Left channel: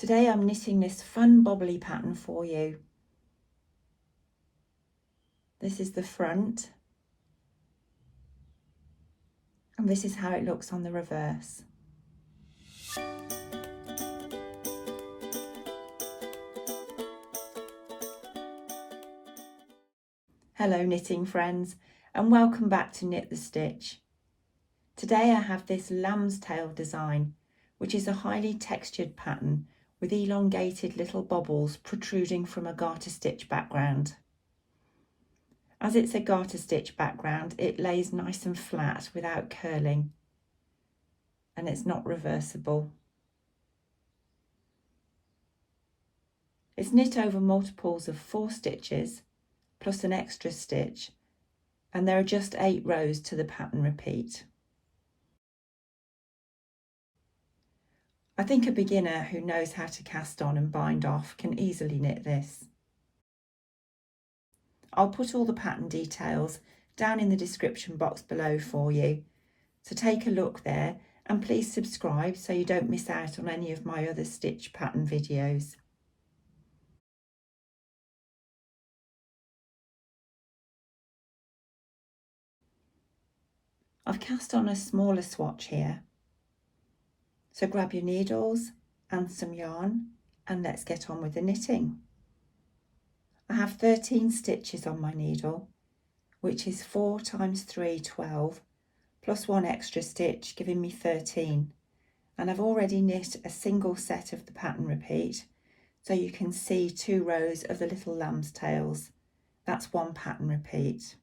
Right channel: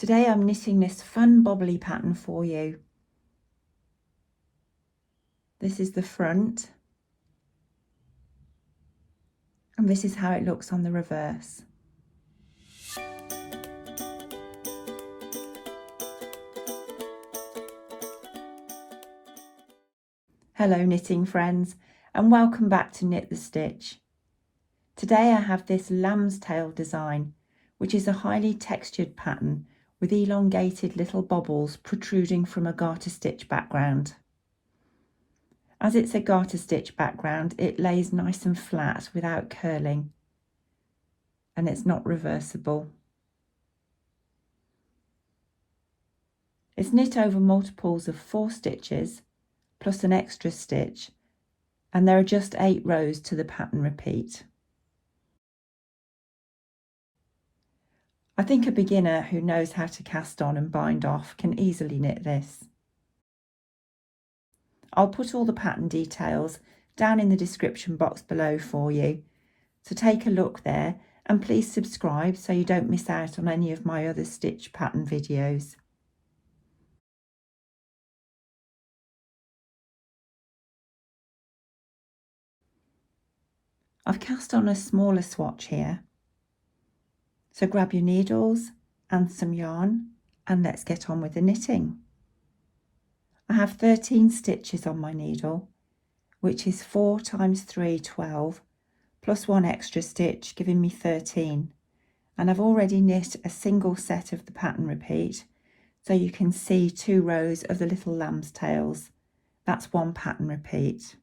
Today I'm knitting this fun bobbly pattern for you. This is the front and this is how it looks on the reverse. Hello knitting friends and welcome back to Knit the Stitch. Today I have this lamb's tail design, which is a highly textured pattern with elongated little bobbles protruding from a garter stitch background. As it's a garter stitch background, it lays nice and flat without curling, and it's not reversible. It's knit over multiples of 4 stitches plus an extra stitch, and there are just 8 rows to the pattern repeat. I think a beginner who knows how to cast on and bind off can easily knit this. I'll put all the pattern details down in the description box below for you, so take a look there and please subscribe so you don't miss out on any of my other stitch pattern videos. I've cast on a smaller swatch here, so grab your needles and some yarn and let's get on with the knitting. I have 13 stitches on my needle, which is 4 times 3, 12, plus 1 extra stitch giving me 13, and I've already knit a single set of the pattern repeat, so you can see 2 rows of the little lamb's tails. That's 1 pattern repeat.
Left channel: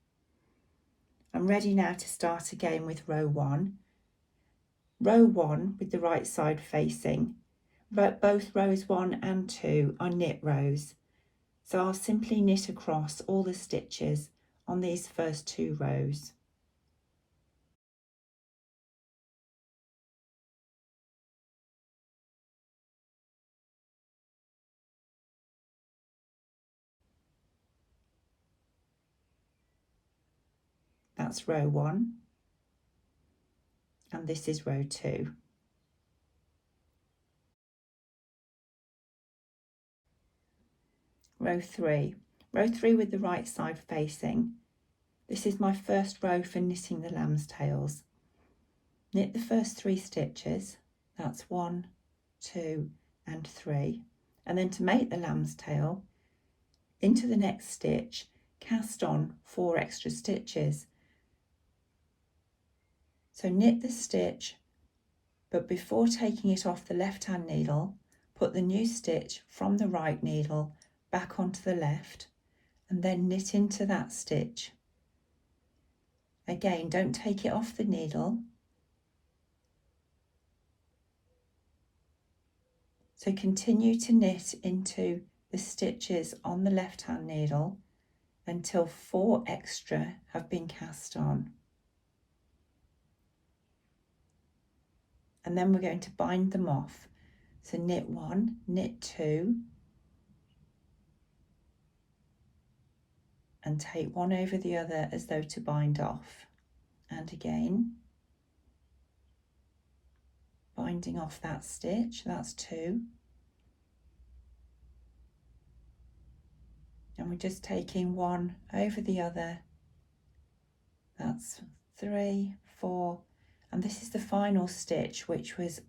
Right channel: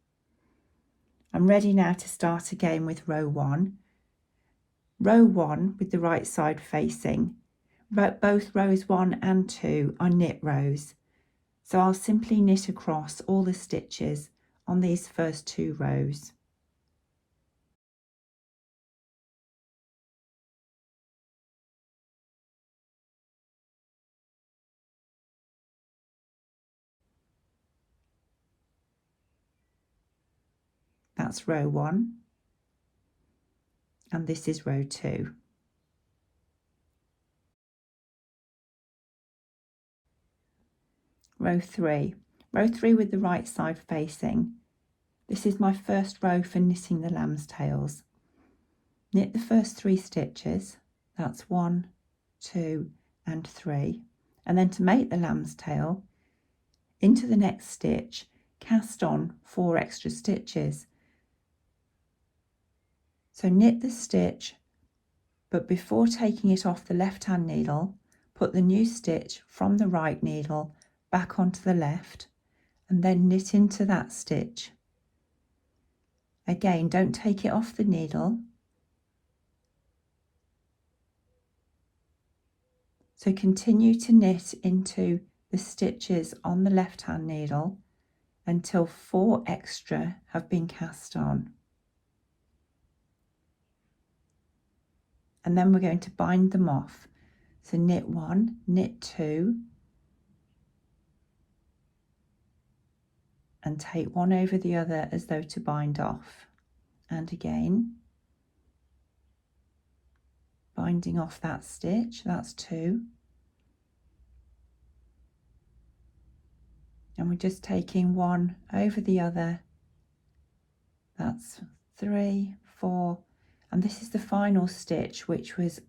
I'm ready now to start again with row 1. Row 1 with the right side facing. Both rows 1 and 2 are knit rows, so I'll simply knit across all the stitches on these first 2 rows. That's row 1 and this is row 2. Row 3. Row 3 with the right side facing. This is my first row for knitting the lamb's tails. Knit the first 3 stitches, that's 1, 2 and 3, and then to make the lamb's tail, into the next stitch cast on 4 extra stitches. So knit the stitch, but before taking it off the left hand needle, put the new stitch from the right needle back onto the left and then knit into that stitch. Again, don't take it off the needle. So continue to knit into the stitches on the left hand needle until 4 extra have been cast on. And then we're going to bind them off. So knit 1, knit 2, and take one over the other as though to bind off. And again, binding off that stitch, that's 2. And we're just taking one over the other, that's 3, 4, and this is the final stitch, which was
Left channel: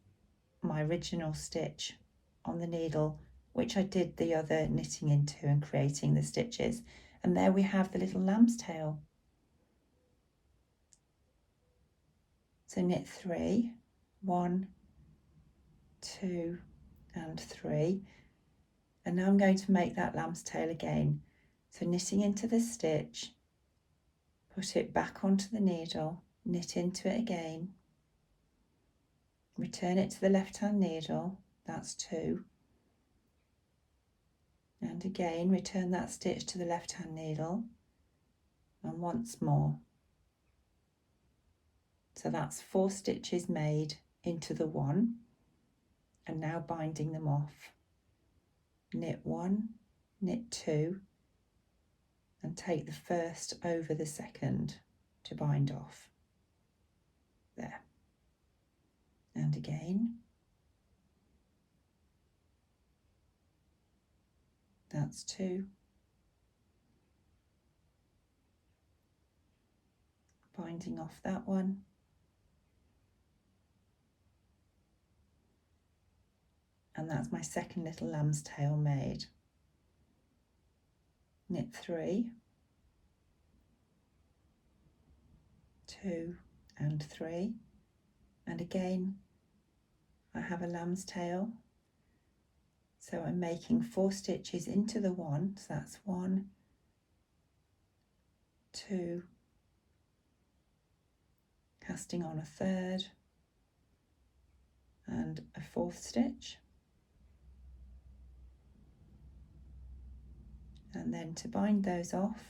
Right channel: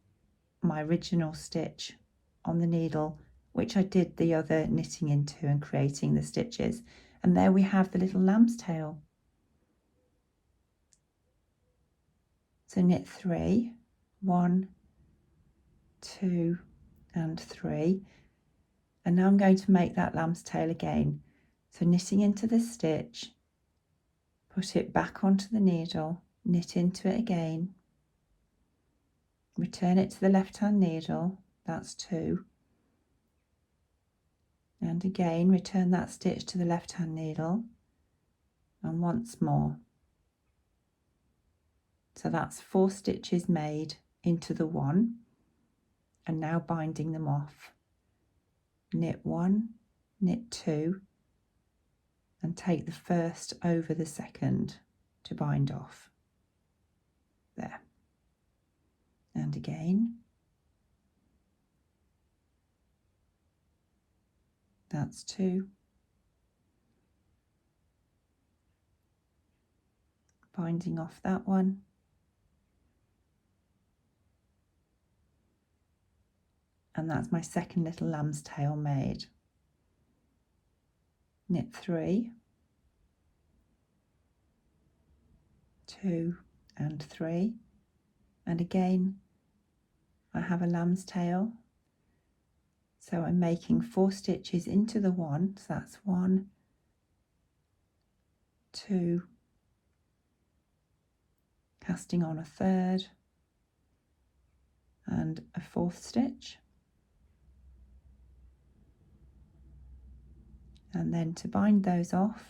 my original stitch on the needle, which I did the other knitting into and creating the stitches. And there we have the little lamb's tail. So knit 3, 1, 2 and 3, and now I'm going to make that lamb's tail again. So knitting into the stitch, put it back onto the needle, knit into it again, return it to the left hand needle, that's 2, and again return that stitch to the left hand needle and once more. So that's 4 stitches made into the one, and now binding them off. Knit 1, knit 2 and take the first over the second to bind off. There. And again. That's 2. Binding off that one. And that's my second little lamb's tail made. Knit 3, 2 and 3, and again I have a lamb's tail, so I'm making 4 stitches into the one, so that's 1, 2, casting on a third and a 4th stitch, and then to bind those off,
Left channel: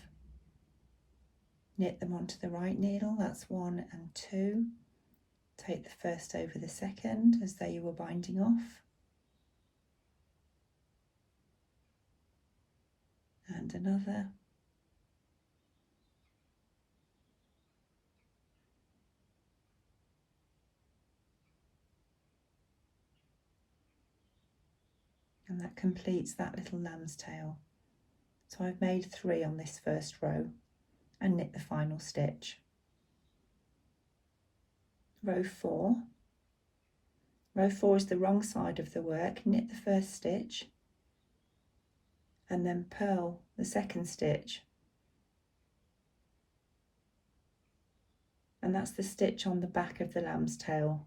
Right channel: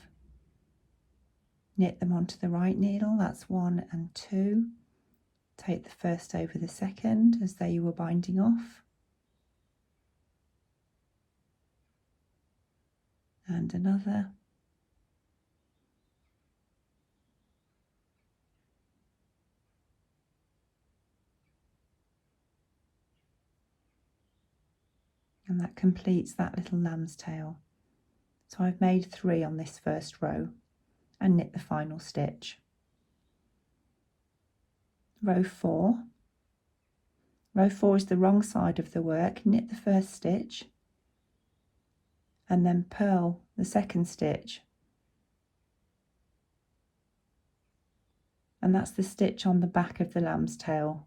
knit them onto the right needle, that's 1 and 2, take the first over the second as though you were binding off, and another, and that completes that little lamb's tail. So I've made 3 on this first row and knit the final stitch. Row 4. Row 4 is the wrong side of the work, knit the first stitch and then purl the second stitch, and that's the stitch on the back of the lamb's tail.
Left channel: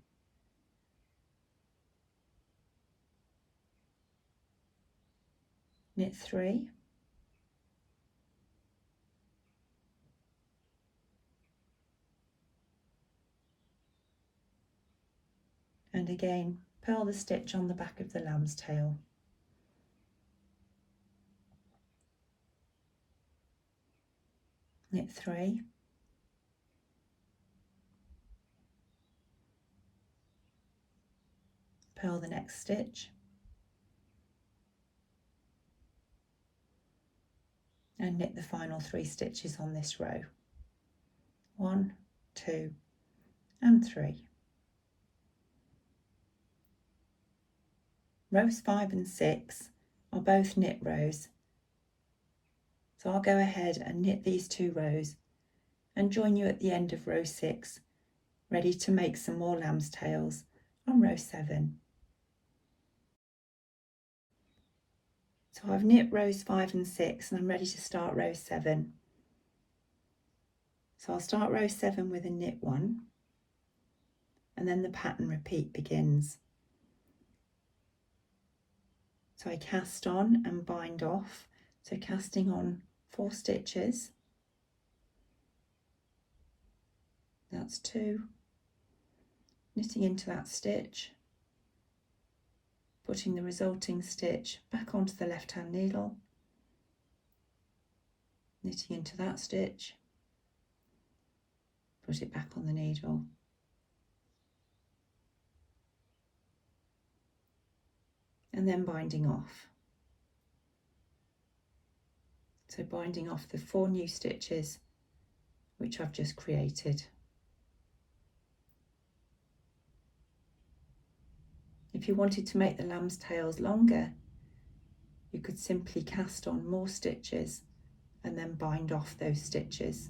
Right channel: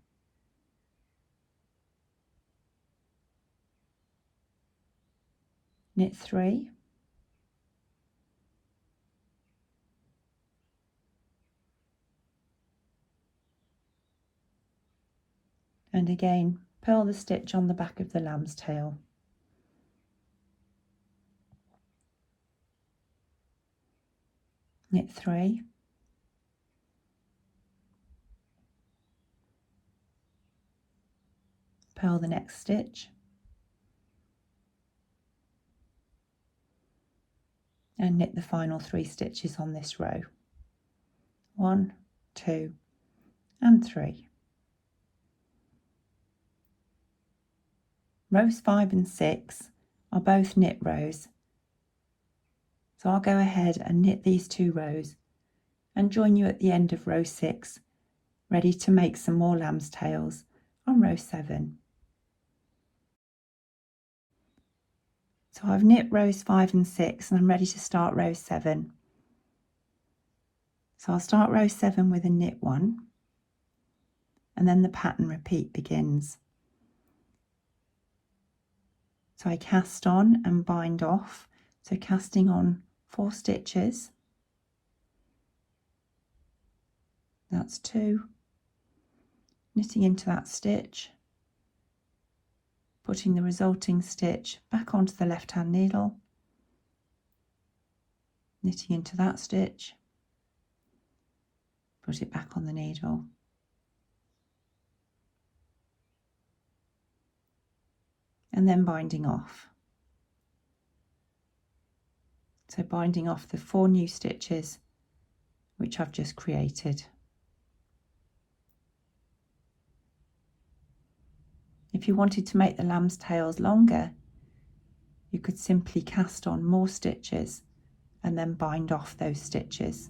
Knit 3, and again purl the stitch on the back of the lamb's tail. Knit 3, purl the next stitch, and knit the final 3 stitches on this row. 1, 2 and 3. Rows 5 and 6 are both knit rows, so I'll go ahead and knit these 2 rows and join you at the end of row 6, ready to make some more lamb's tails on row 7. So I've knit rows 5 and 6 and I'm ready to start row 7. So I'll start row 7 with a knit 1, and then the pattern repeat begins. So I cast on and bind off, so casting on 4 stitches, that's 2, knitting into that stitch, putting the resulting stitch back onto the left hand needle, knitting into that stitch, put it back on the needle, and then binding off. So binding off the 4 new stitches which I've just created. If you wanted to make the lamb's tails longer, you could simply cast on more stitches and then bind off those stitches.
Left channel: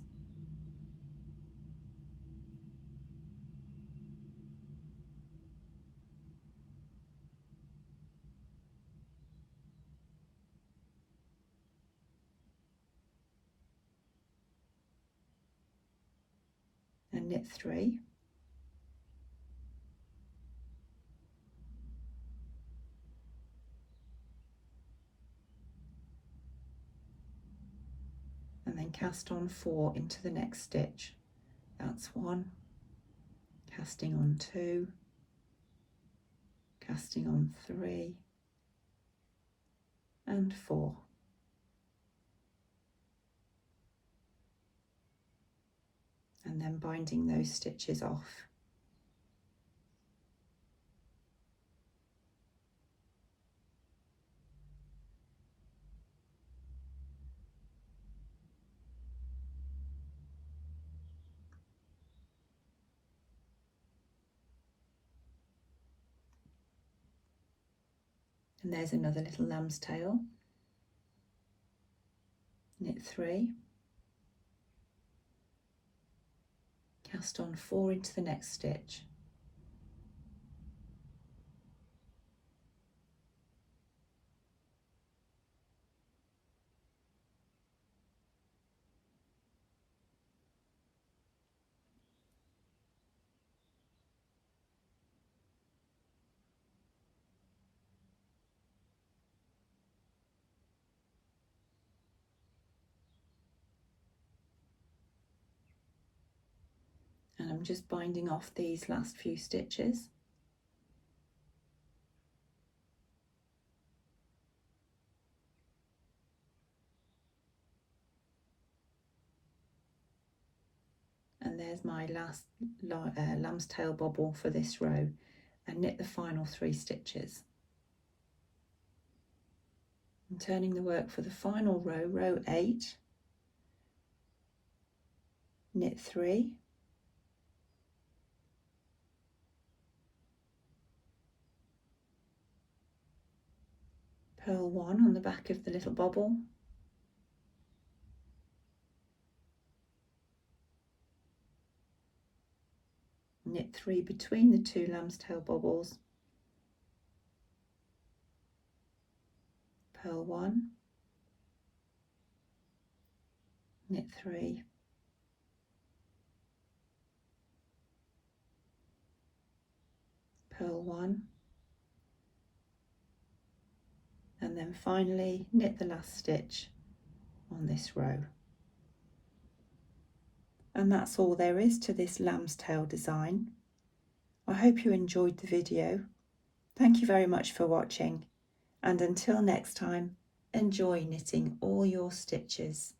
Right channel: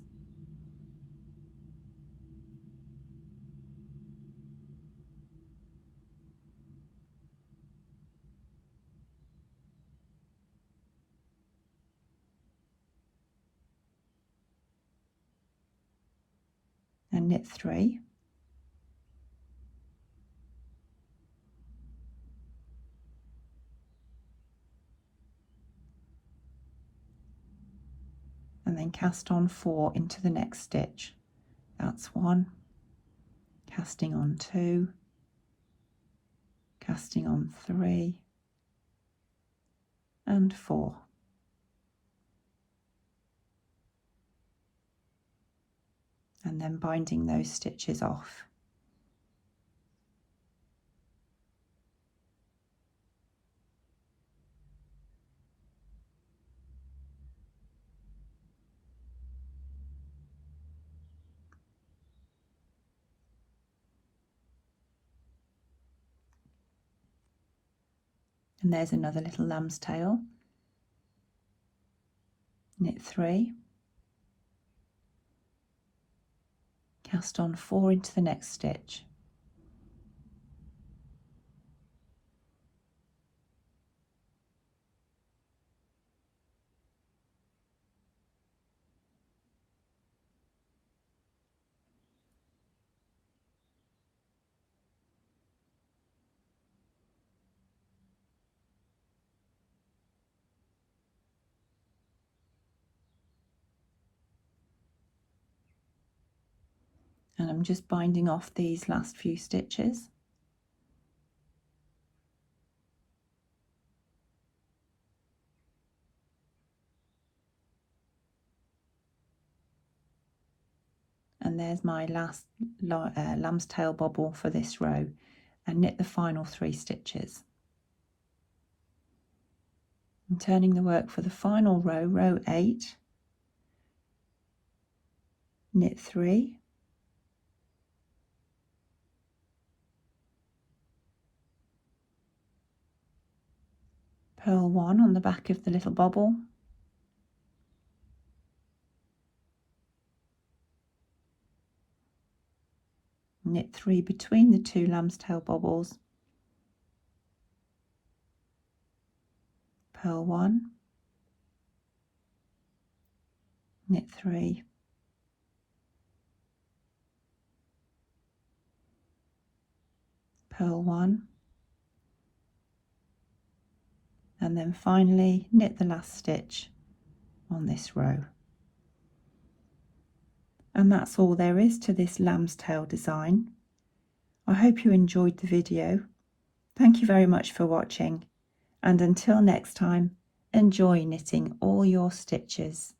And knit 3, and then cast on 4 into the next stitch. That's 1, casting on 2, casting on 3 and 4. And then binding those stitches off. And there's another little lamb's tail. knit 3, cast on 4 into the next stitch, and I'm just binding off these last few stitches. And there's my last lamb's tail bobble for this row, and knit the final 3 stitches. I'm turning the work for the final row, row 8, knit 3, purl 1 on the back of the little bobble, knit 3 between the 2 lamb's tail bobbles, purl 1, knit 3, purl 1, and then finally knit the last stitch on this row. And that's all there is to this lamb's tail design. I hope you enjoyed the video. Thank you very much for watching, and until next time, enjoy knitting all your stitches.